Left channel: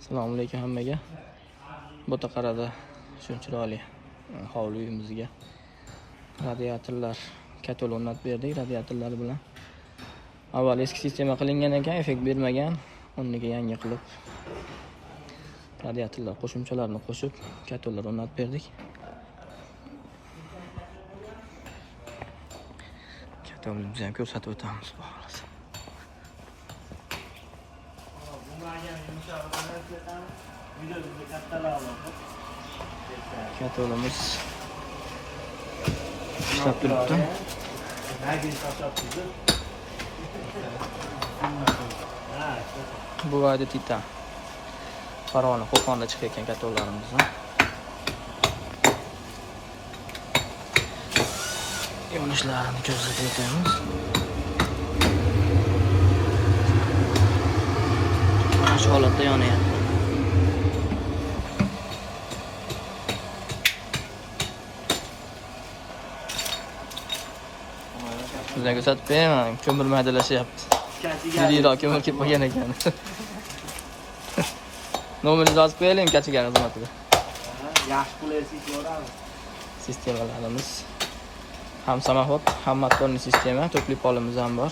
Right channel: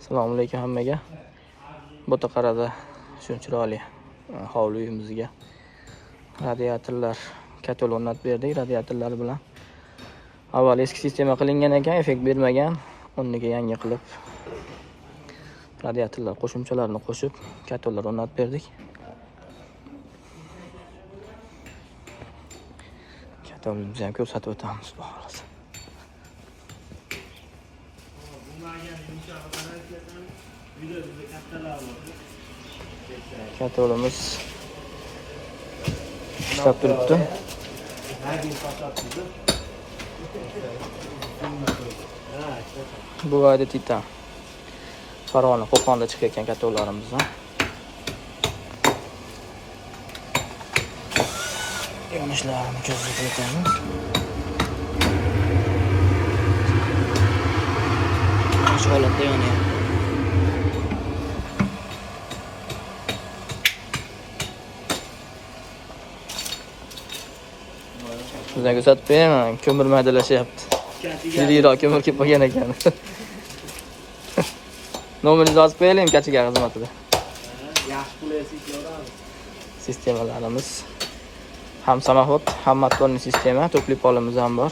Assalomu alaykum hammaga. Botaqarada shuncha chiroyli hovli uyimizga radiatorlar katal o'rnatib berdik. Radiatorlar bilan avval eski sistema qilingan ekan, effekt bermagan. O'rniga yangi qilib radiatorlar qo'shimchalarini qo'shib katallar o'rnatib berdik. Katalimizni ham ko'rsatib o'tamiz bu holda. Katalimiz ishlab turibdi. Bu ayda titan. Farg'ona Qo'qonda chiqayotgan katallarimiz. Yonishlarini ko'rsatib o'tamiz. Shu holatda yonyapti. Sizlarga ko'rsatib beraman, ko'mir maydalashyapti. Yiriroq ko'mir kelib qolgan ekan. Nomeringizni yozib qo'yaylik kachiga xizmatida. Yaxshi pulasiz ko'radi. Sistemalarimiz ham samoxod, ham motorli sistema, to'pli polimiz ham bor.